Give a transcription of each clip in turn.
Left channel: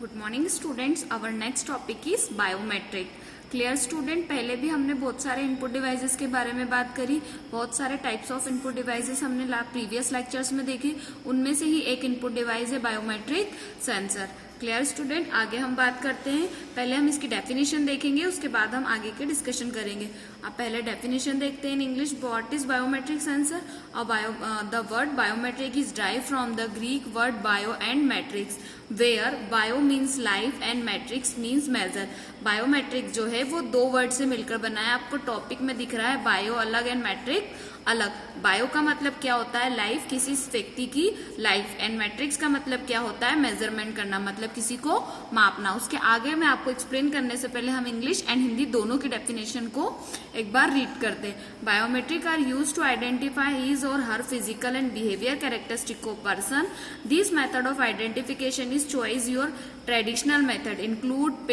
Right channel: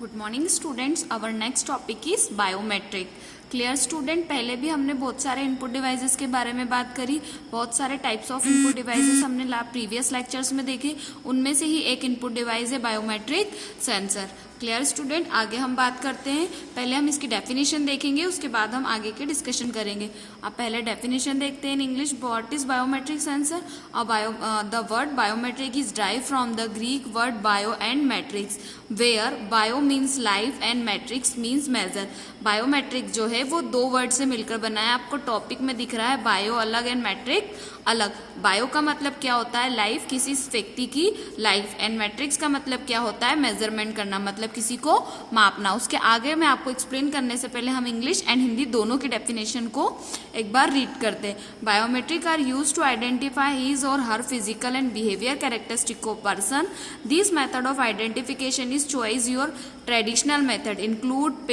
Good morning students. Our next topic is biometric. Clear student, पहले भी हमने बहुत सारे इनपुट डिवाइसेस के बारे में बात करी। बहुत सारे टाइप्स ऑफ इनपुट डिवाइसेस हमने प्रीवियस लेक्चर्स में देखे। उनमें से ही एक इनपुट डिवाइस है बायोमेट्रिक सेंसर। क्लियर स्टूडेंट, आगे हम बात करते हैं। पहले हम इसकी डेफिनेशन देखेंगे, उसके बाद हम आगे के डिस्कशन करेंगे। अब पहले डेफिनेशन देखते हैं in English. What is biometric sensor? The word biometric is drive from the Greek word bio and metrics, where bio means life and metrics means measure. Biometric जो है वो दो वर्ड से मिलकर बना है। आपको टॉपिक में दिख रहा है बायो अलग एंड मैट्रिक अलग। बायो का मतलब क्या होता है? लाइफ, किसी व्यक्ति की लाइफ। एंड मैट्रिक्स का मतलब क्या होता है? मेजरमेंट करना, मतलब किसी को मापना। उसके आगे मैं आपको एक्सप्लेन करने से पहले हम इंग्लिश एंड हिंदी दोनों की डेफिनेशन को एक बार रीड करते हैं। Biometric are use to identify his और her physical and behaviour characteristic of person. This method of identification is choice your traditional method include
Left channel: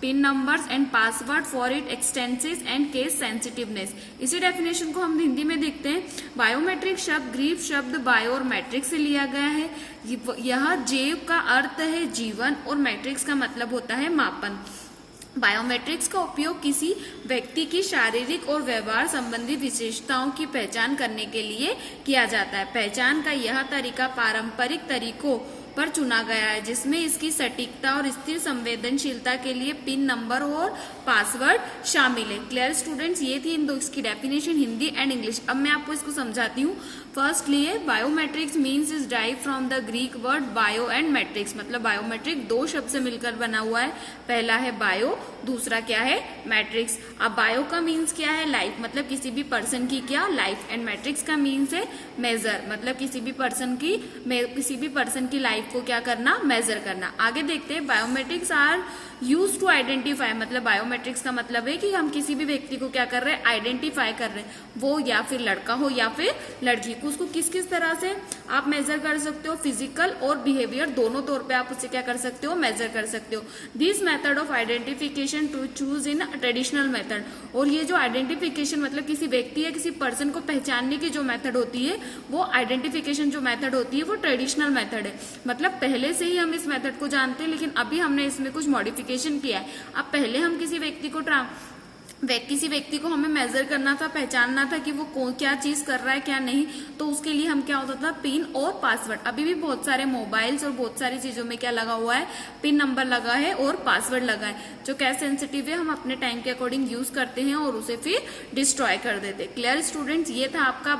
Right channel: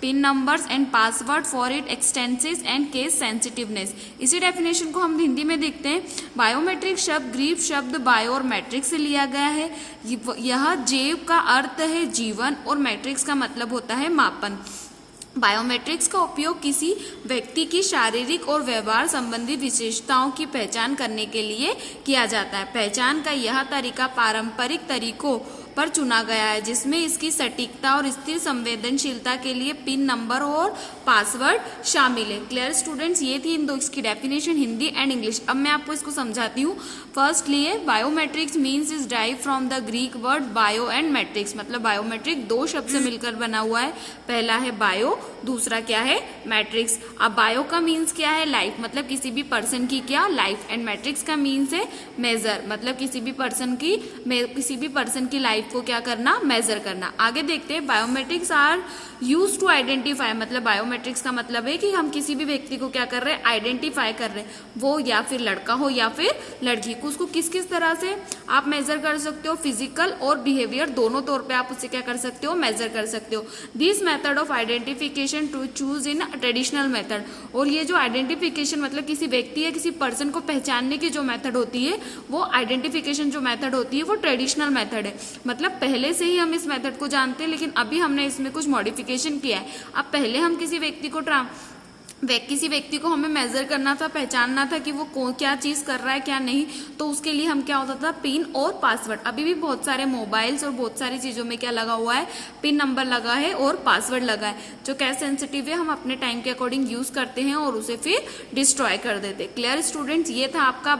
PIN numbers and password for it extensive and case sensitiveness. इसी definition को हम हिंदी में देखते हैं। Biometric शब्द Greek शब्द bio और matric से लिया गया है। यह जेव का अर्थ है जीवन और मैट्रिक्स का मतलब होता है मापन। बायोमेट्रिक्स का उपयोग किसी व्यक्ति की शारीरिक और व्यवहार संबंधी विशेषताओं की पहचान करने के लिए किया जाता है। पहचान का यह तरीका पारंपरिक तरीकों पर चुना गया है, जिसमें इसकी सटीकता और स्थिर संवेदनशीलता के लिए पिन नंबर और पासवर्ड शामिल है। क्लियर स्टूडेंट्स, ये थी इन दो इसकी डेफिनेशन हिंदी एंड इंग्लिश। अब मैं आपको इसको समझाती हूँ। Firstly, biometrics means is drive from the Greek word bio and matrix, मतलब बायोमेट्रिक दो शब्द से मिलकर बना हुआ है। पहला है बायो, दूसरा क्या है? मैट्रिक्स। अब बायो का मीन्स क्या है? लाइफ, मतलब किसी भी पर्सन की क्या लाइफ। एंड मैट्रिक्स का मीन्स है मेजर, मतलब किसी भी पर्सन की लाइफ को क्या करना? मेजर करना। आगे देखते हैं। Biometrics are use to identify, मतलब बायोमेट्रिक्स का मतलब है कि हम किसी भी व्यक्ति को क्या कर रहे हैं? आइडेंटिफाई कर रहे हैं। वो या फिर लड़का हो या फिर लड़की, उसको किस किस तरह से आप मेजर कर सकते हो? फिजिकल और बिहेवियर दोनों तौर पे आप उससे क्या कर सकते हो? मेजर कर सकते हो। This method of identification to choose in traditional method. और ये जो आइडेंटिफिकेशन मतलब किसी व्यक्ति या किसी पर्सन को पहचानने की जो मेथड होती है, वो आइडेंटिफिकेशन जो मेथड होती है वो ट्रेडिशनल मेथड है। मतलब पहले से ही हम इस मेथड को जानते हैं, लेकिन अभी हमने इसमें कुछ मॉडिफिकेशन किया है। अब पहले हम किसी व्यक्ति को हमें मेजर करना था, पहचानना था कि वो क्या चीज कर रहा है क्या नहीं, तो उसके लिए हम क्या होता था? पिन और पासवर्ड। अभी भी बहुत सारे मोबाइल्स और बहुत सारी चीजों में क्या लगा हुआ है? पिन नंबर लगा है और पासवर्ड लगा है, जो क्या सेंसिटिव है, हम अपने टाइम के अकॉर्डिंग यूज करते हैं और उसे फिर डिस्ट्रॉय कर देते हैं। क्लियर स्टूडेंट्स, ये था आपका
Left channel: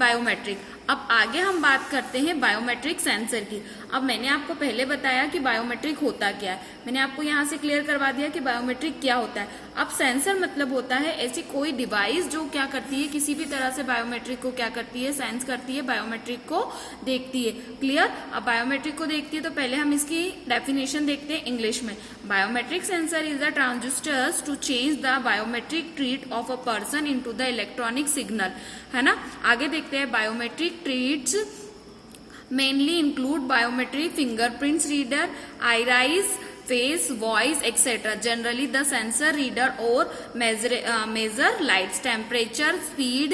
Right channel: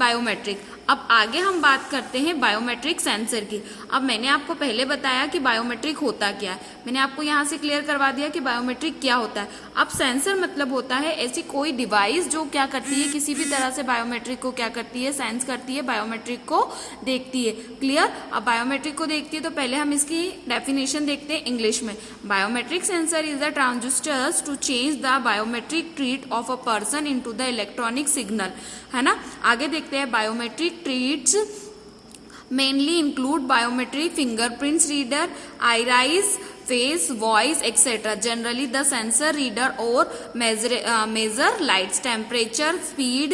बायोमेट्रिक। अब आगे हम बात करते हैं बायोमेट्रिक सेंसर की। अब मैंने आपको पहले बताया कि बायोमेट्रिक होता क्या है, मैंने आपको यहाँ से क्लियर करवा दिया कि बायोमेट्रिक क्या होता है। अब सेंसर मतलब होता है ऐसी कोई डिवाइस जो क्या करती है? किसी भी तरह से बायोमेट्रिक को क्या करती है? सेंस करती है, बायोमेट्रिक को देखती है। क्लियर? अब बायोमेट्रिक को देखती है तो पहले हम इसकी डेफिनेशन देखते हैं इंग्लिश में। Biometric sensor is the transistors to change the biometric treat of a person into the electronic signal, है ना। आगे देखते हैं। Biometric treats mainly include biometric fingerprints reader, iris, face, voice, etc. Generally, the sensor reader or measure lights, temperature, speed,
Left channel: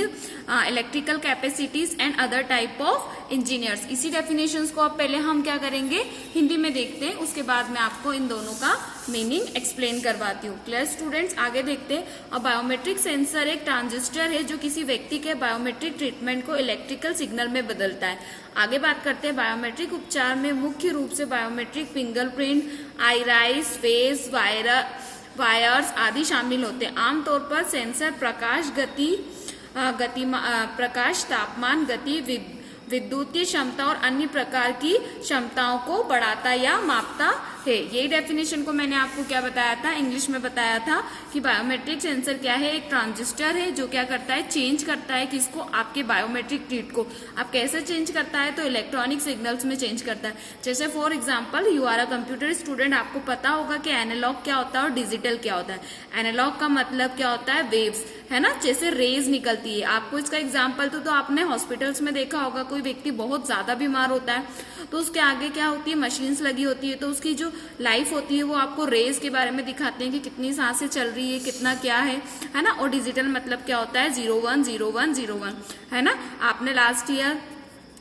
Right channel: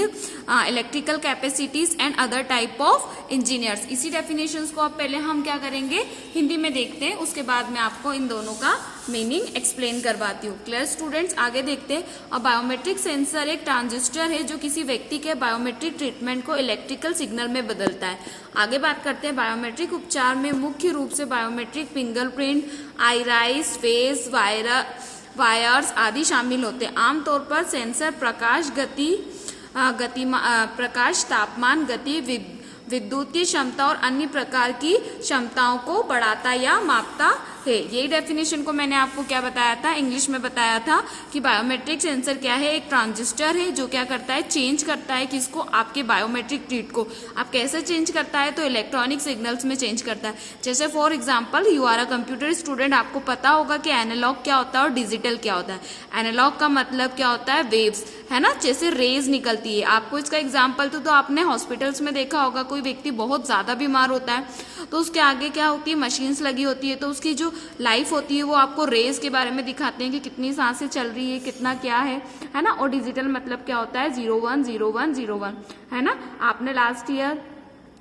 electrical capacities and other type of engineers. इसी definitions को अब पहले हम क्या करेंगे? हिंदी में देखते हैं, उसके बाद मैं आपको इन दोनों का मीनिंग एक्सप्लेन करवाती हूँ। क्लियर स्टूडेंट्स, आगे देखते हैं। अब बायोमेट्रिक सेंसर एक ट्रांजिस्टर है जो किसी व्यक्ति के बायोमेट्रिक ट्रीटमेंट को इलेक्ट्रिकल सिग्नल में बदलता है। आगे बात करते हैं। बायोमेट्रिक उपचार में मुख्य रूप से बायोमेट्रिक फिंगरप्रिंट, आइराइस, फेस, वायर्स आदि शामिल होते हैं। आमतौर पर सेंसर प्रकाश, तापमान, गति, विद्युतीय क्षमता और अन्य प्रकार की क्षमताओं को बढ़ाता या मापता है। यही डेफिनेशन को मैंने आपको क्या बताया था? इंग्लिश में बताया था कि बायोमेट्रिक सेंसर क्या है? एक ट्रांजिस्टर है जो क्या करता है? चेंज करता है किसको? आपके बायोमेट्रिक ट्रीट को। आप कैसे चेंज करता है? तो इलेक्ट्रॉनिक सिग्नल्स में चेंज करता है। जैसे for example, you are a computer student, आपको पता होगा कि एनालॉग क्या होता है और डिजिटल क्या होता है। एनालॉग का मतलब क्या होता है? वेव्स, है ना, जैसे रेज निकलती है। आपको इसका एग्जाम्पल तो आपने हॉस्पिटल्स में देखा होगा, कोई व्यक्ति बहुत ज्यादा बीमार होता है तो उसके आगे क्या होती है? मशीन्स लगी होती है, तो उसकी जो लाइफ होती है वो आपको रेज के बारे में दिखाते हैं कि कितनी सांसें चल रही है, कितना क्या है ना। और डिजिटल मतलब क्या होता है? 010101, है ना। आपने लास्ट ईयर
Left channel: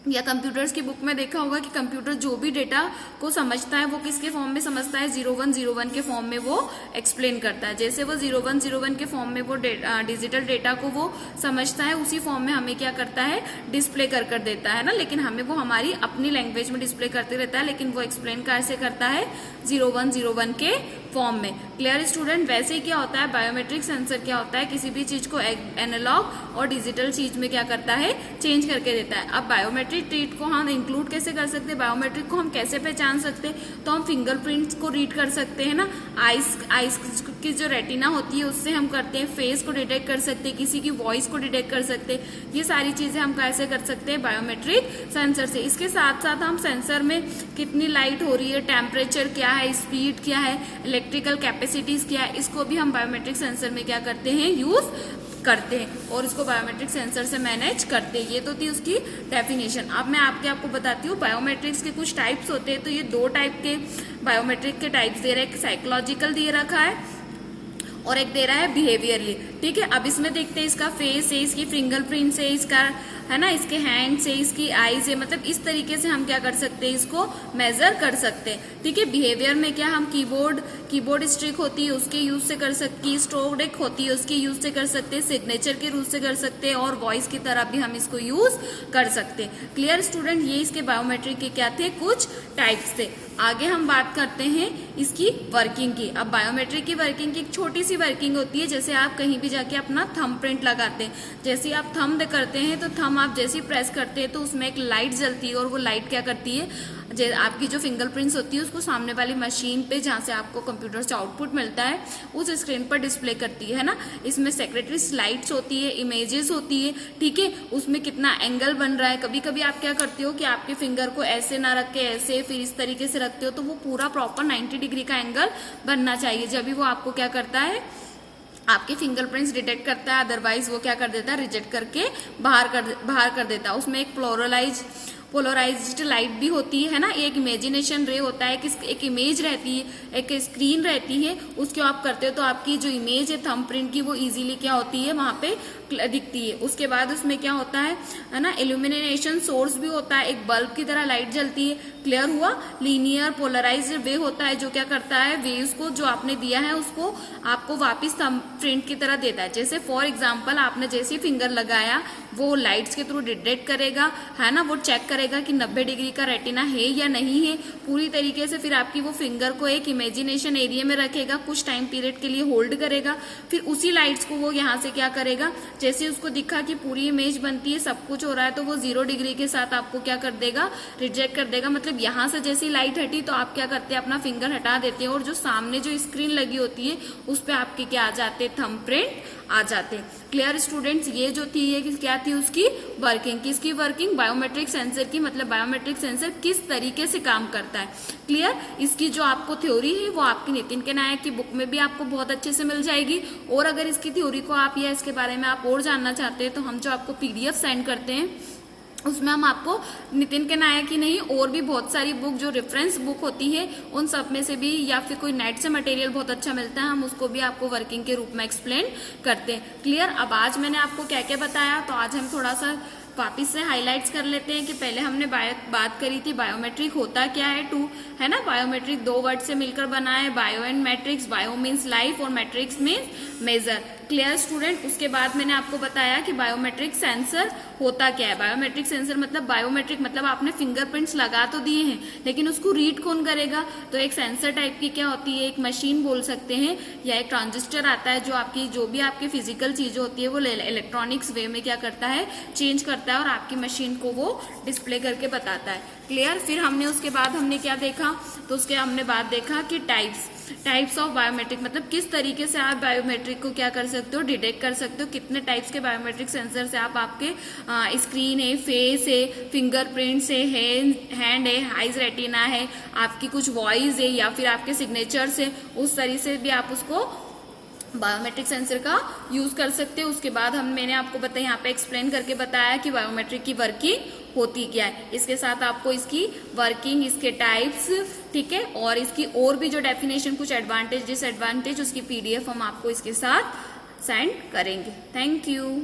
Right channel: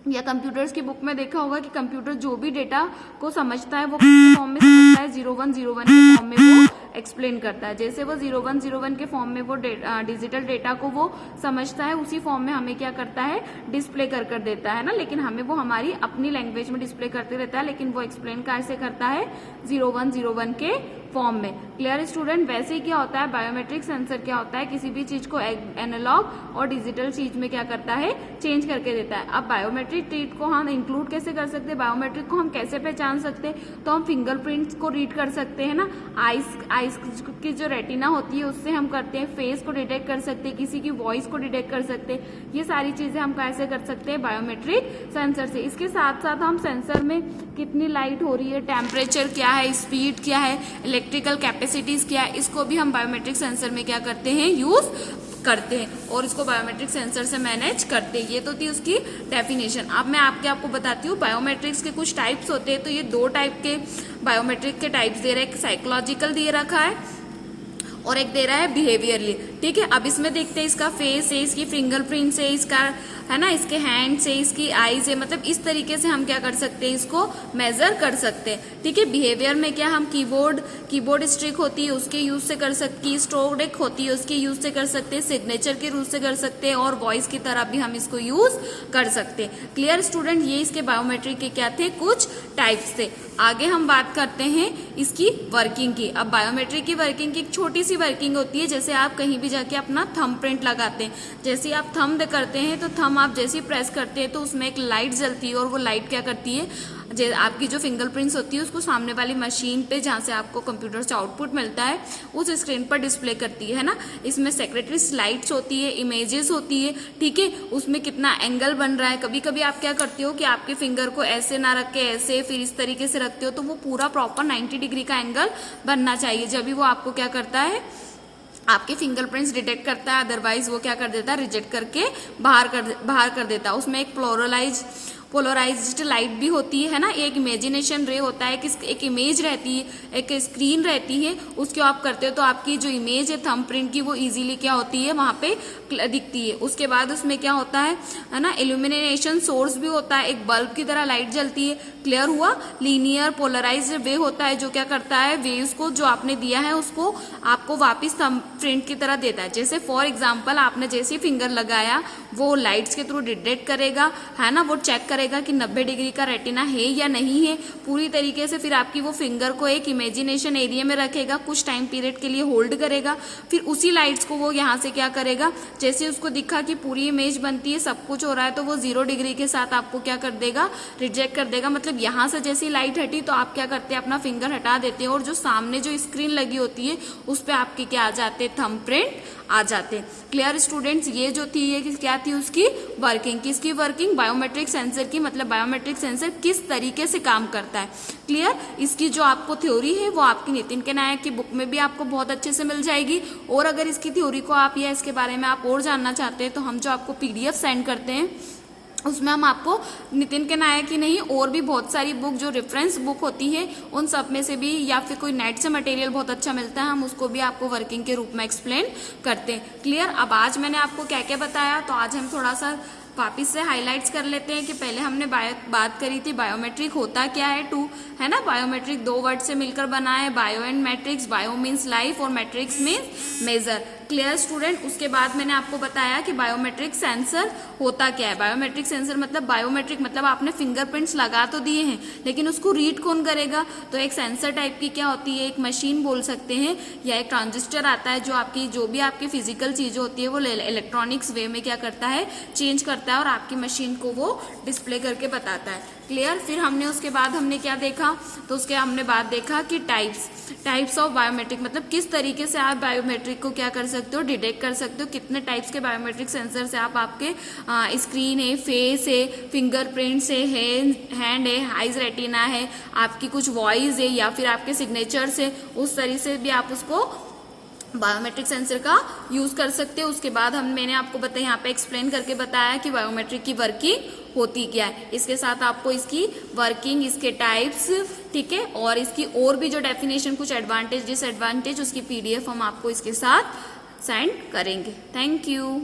या कंप्यूटर्स की बुक में देखा होगा कि कंप्यूटर जो भी डेटा को समझता है वो किसके फॉर्म में समझता है, 0101 के फॉर्म में वो एक्सप्लेन करता है। जैसे वो 0101 के फॉर्म में वो डिजिटल डेटा को वो समझता है, उसी फॉर्म में हमें क्या करता है, डिस्प्ले कर देता है ना। लेकिन हमें वो हमारी अपनी लैंग्वेज में डिस्प्ले करते रहता है, लेकिन वो एक्सप्लेन कैसे करता है, 0101 के फॉर्म में। Clear student? वैसे ही क्या होता है, बायोमेट्रिक सेंसर क्या होता है, किसी भी चीज को एनालॉग और डिजिटल चीज में क्या करता है, चेंज करके देता है। अब बायोमेट्रिक ट्रीट को हम इंक्लूड कैसे कर सकते हैं, बायोमेट्रिक को हम कैसे पहचान सकते हैं, तो हम फिंगरप्रिंट्स को रीड कर सकते हैं ना, आईज की जो रेटिना होती है उससे हम करते हैं, फेस को डिटेक्ट कर सकते हैं, किसी की वॉइस को डिटेक्ट कर सकते हैं। ये सारी चीजें हम कैसे कर सकते हैं, बायोमेट्रिक सेंसर से। इसके साथ साथ हम सेंसर में कितनी लाइट हो रही है, टेम्परेचर क्या है, स्पीड क्या है, इलेक्ट्रिकल कैपेसिटीज क्या है, इसको भी हम बायोमेट्रिक सेंसर में क्या करते हैं, यूज करते हैं और इसको बायोमेट्रिक सेंसर से मैनेज करते हैं। ये तो थी उसकी डेफिनेशन। अब मैं आपको बताती हूँ बायोमेट्रिक्स के कुछ टाइप्स होते हैं। तो ये 2 टाइप के बायोमेट्रिक के टाइप्स दे रहे हैं, एक साइकोलॉजिकल दे रखा है और एक दे रहा है बिहेवियरली। ठीक है, अब इसमें देखते हैं इसका फेस है, इसकी फिंगरप्रिंट से, इसका है ना, इसके हैंड से, इसकी आईज है, मतलब इस तरीके से हम क्या कर सकते हैं, इसको मेजर कर सकते हैं। ठीक है, बिहेवियर में क्या हम कीबोर्ड स्ट्रिक होती है उसके यूज से कर सकते हैं, स्ट्रोक होती है उसके यूज से कर सकते हैं, सिग्नेचर के रूप से कर सकते हैं और वॉइस की तरह भी हम इसको यूज कर सकते हैं। Clear student? ये इसके बायोमेट्रिक के क्या थे, कुछ टाइप्स थे। आगे हम बात करते हैं इसकी वर्किंग की। अब बायोमेट्रिक की वर्किंग की एक छोटी सी वर्किंग होती है, जैसे आप कहीं भी जाके अपना थंब प्रिंट लगाते हैं, जैसे आप थंब करते हैं तो थंब आप जैसे प्रेस करते हैं तो उसमें एक लाइट जलती है और वो लाइट क्या करती है, आपकी जो फिंगरप्रिंट्स होती है उसको सामने वाली मशीन पे, जहां से आपको कंप्यूटर से आउटपुट मिलता है, उस स्क्रीन पर डिस्प्ले करती है ना। इसमें सेक्रेटरी स्लाइड्स होती है, इमेजेस होती है। ठीक है, उसमें कितना एंगल बन रहा है, कभी कभी आप क्या करते हो कि आपके फिंगर को ऐसे ना रख के ऐसे फिर इस तरीके से रखते हो, तो वो पूरा प्रॉपर 90 डिग्री का एंगल बनना चाहिए, जब भी वो आपको क्या करता है, आपके फिंगरप्रिंट्स डिटेक्ट करता है। अदरवाइज वो क्या कर देता है, रिजेक्ट करके बाहर कर देता है। उसमें एक पोलराइज्ड लाइट भी होती है ना, एक इमेजिनेशन रे होता है कि एक इमेज रहती है, एक स्क्रीन रहती है, उसको आप करते हो तो आपकी जो इमेज है थंब प्रिंट की वो इजीली क्या होती है, वहां पे दिखती है। उसके बाद उसमें क्या होता है ना, इल्यूमिनेशन सोर्स भी होता है, एक बल्ब की तरह लाइट जलती है। क्लियर हुआ? लीनियर पोलराइज्ड वे होता है जो क्या करता है, वेव्स को जो आपने दिया है उसको आपको वापस थंब प्रिंट की तरह देता है। जैसे फॉर एग्जांपल आपने जैसे फिंगर लगाया वो लाइट्स के थ्रू डिटेक्ट करेगा, है ना, वो चेक करेगा कि 90 डिग्री का रेटिना है या नहीं है पूरी तरीके से, फिर आपकी वो फिंगर को एक इमेजिनेशन एरिया में रखेगा, कुछ टाइम पीरियड के लिए होल्ड करेगा, फिर उसी लाइट्स को वो यहाँ से क्या करेगा, जैसे उसको दिखा कि पूरी इमेज बनती है, सब कुछ हो रहा है, तो वो 0 डिग्री के साथ आपको क्या कर देगा, रिजेक्ट कर देगा। मतलब यहाँ से जैसी लाइट हटी तो आप क्या करते हैं, अपना फिंगर हटा देते हैं और जो सामने जो स्क्रीन लगी होती है उस पर आपके क्या आ जाते हैं, थंब प्रिंट आ जाते हैं। Clear students? ये जो थी ये क्या थी उसकी वर्किंग। किसकी वर्किंग? बायोमेट्रिक सेंसर की। मतलब बायोमेट्रिक सेंसर किस तरीके से काम करता है। क्लियर? इसकी जो आपको थ्योरी है वो आपकी नितिन के नायक की बुक में भी आपको बहुत अच्छे से मिल जाएगी, और अगर इसकी थ्योरी को आप या इसके बारे में आप और जानना चाहते हैं तो हम जो आपको PDF सेंड करते हैं उसमें हम आपको नितिन के नायक ही नहीं और भी बहुत सारी बुक जो रेफरेंस बुक होती है उन सब में से भी, या फिर कोई नेट से मटेरियल बहुत अच्छा मिलता है, हम उसको भी आपको वर्किंग के रूप में एक्सप्लेन करते हैं। क्लियर? अब आज मैंने आपको क्या क्या बताया, तो आज हम थोड़ा सा वापिस से हाइलाइट्स कर लेते हैं कि पहले हमने बात करी थी बायोमेट्रिक होता क्या है, है ना। बायोमेट्रिक 2 वर्ड से मिलकर बना है, bio and matrix. Bio means life और matrix means measure. Clear student? उसके बाद मैंने आपको बताया कि बायोमेट्रिक सेंसर होता क्या है। बायोमेट्रिक सेंसर मतलब बायोमेट्रिक मतलब आपने फिंगरप्रिंट्स लगा तो दिए हैं लेकिन उसको रीड कौन करेगा, तो एक सेंसर टाइप की क्या होती है, एक मशीन बोल सकते हैं, या एक ट्रांजिस्टर आता है जो भी आपकी फिजिकल चीज होती है वो इलेक्ट्रॉनिक्स वे में क्या करता है, चेंज करता है और आपकी मशीन को वो डिस्प्ले करके बताता है। क्लियर? फिर हमने उसके बाद हमने क्या देखा, तो उसके हमने बाद देखा कि टाइप्स ऑफ बायोमेट्रिक मतलब किस तरीके से आप बायोमेट्रिक को क्या कर सकते हो, डिटेक्ट कर सकते हो। कितने टाइप्स के बायोमेट्रिक सेंसर से आप आपके स्क्रीन है, फेस है, फिंगरप्रिंट्स है, हैंड है, आइज रेटिना है, आपकी कुछ वॉइस है या फिर आपके सिग्नेचर से, उस तरीके से भी आप उसको बायोमेट्रिक सेंसर का यूज कर सकते हो। उसके बाद मैंने आपको बताया, यहाँ पे एक्सप्लेन करके बताया कि बायोमेट्रिक की वर्किंग होती क्या है। इसके साथ आपको इसकी वर्किंग, इसके टाइप्स, ठीक है, और इसकी और भी जो डेफिनेशन, कुछ एडवांटेज डिसएडवांटेज, उसकी PDF हम आपको इसके साथ सेंड करेंगे। Thank you.